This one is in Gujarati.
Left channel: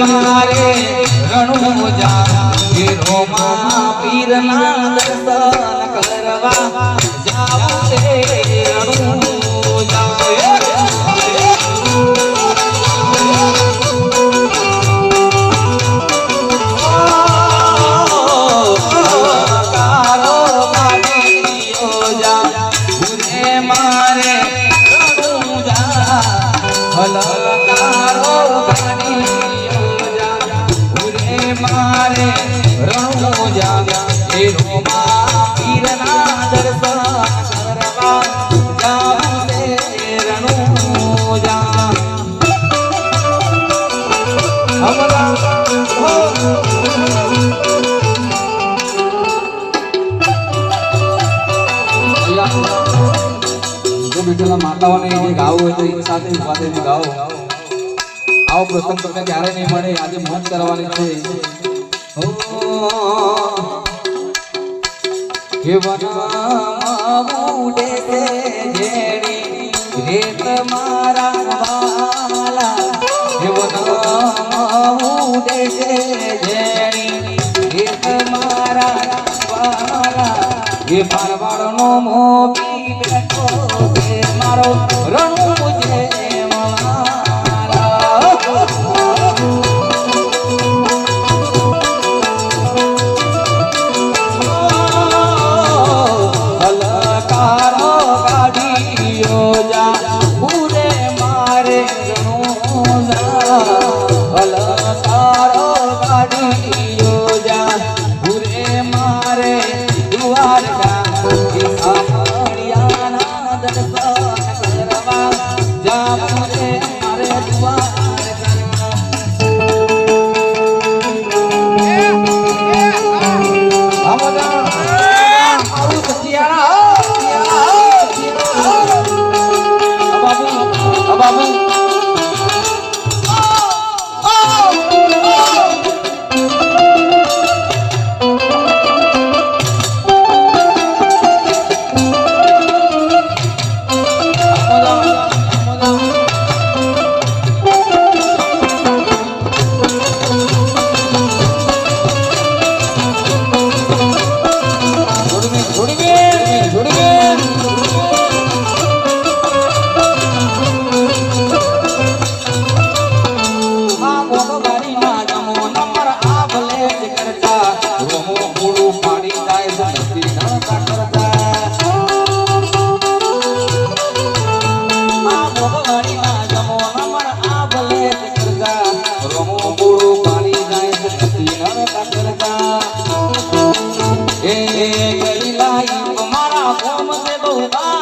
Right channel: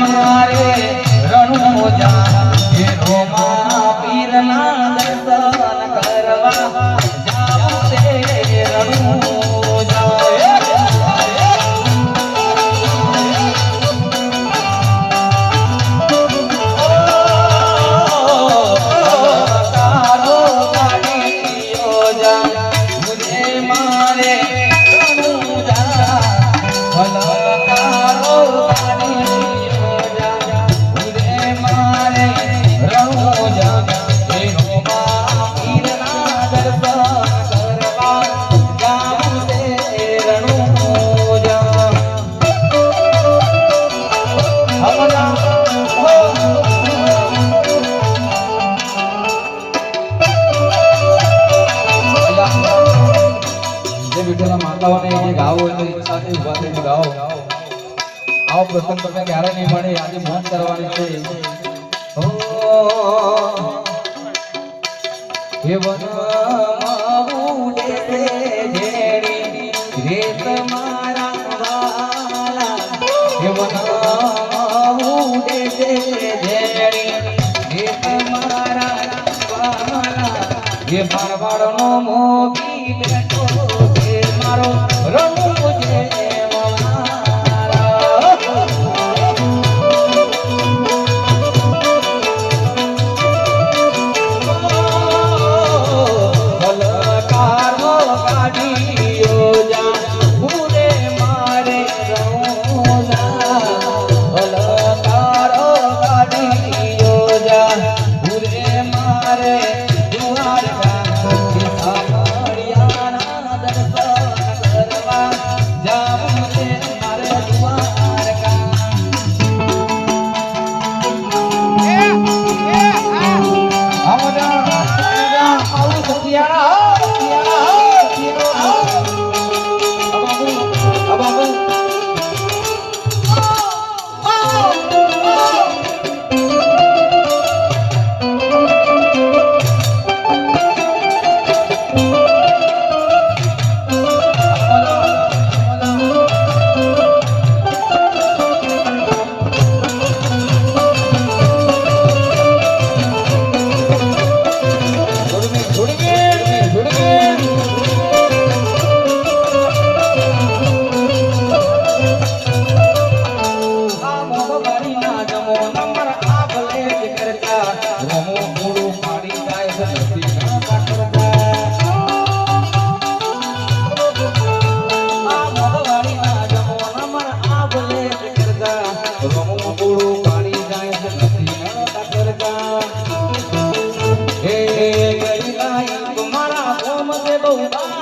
મારે કાઢીયો જા પીરના દર્શન વિઠ્ઠલના માતાઓને જે ગાવો હોય તો એક સાથે ઊભા થઈને ગાઓ આવો પ્રસંગ તમને ક્યારે નહીં મળે આજે મોજ કરવાની છે હે વનમાં રેત મારા હે વનમાં મારા વાલા હે મારવાડનો મોગી হবে বহুবার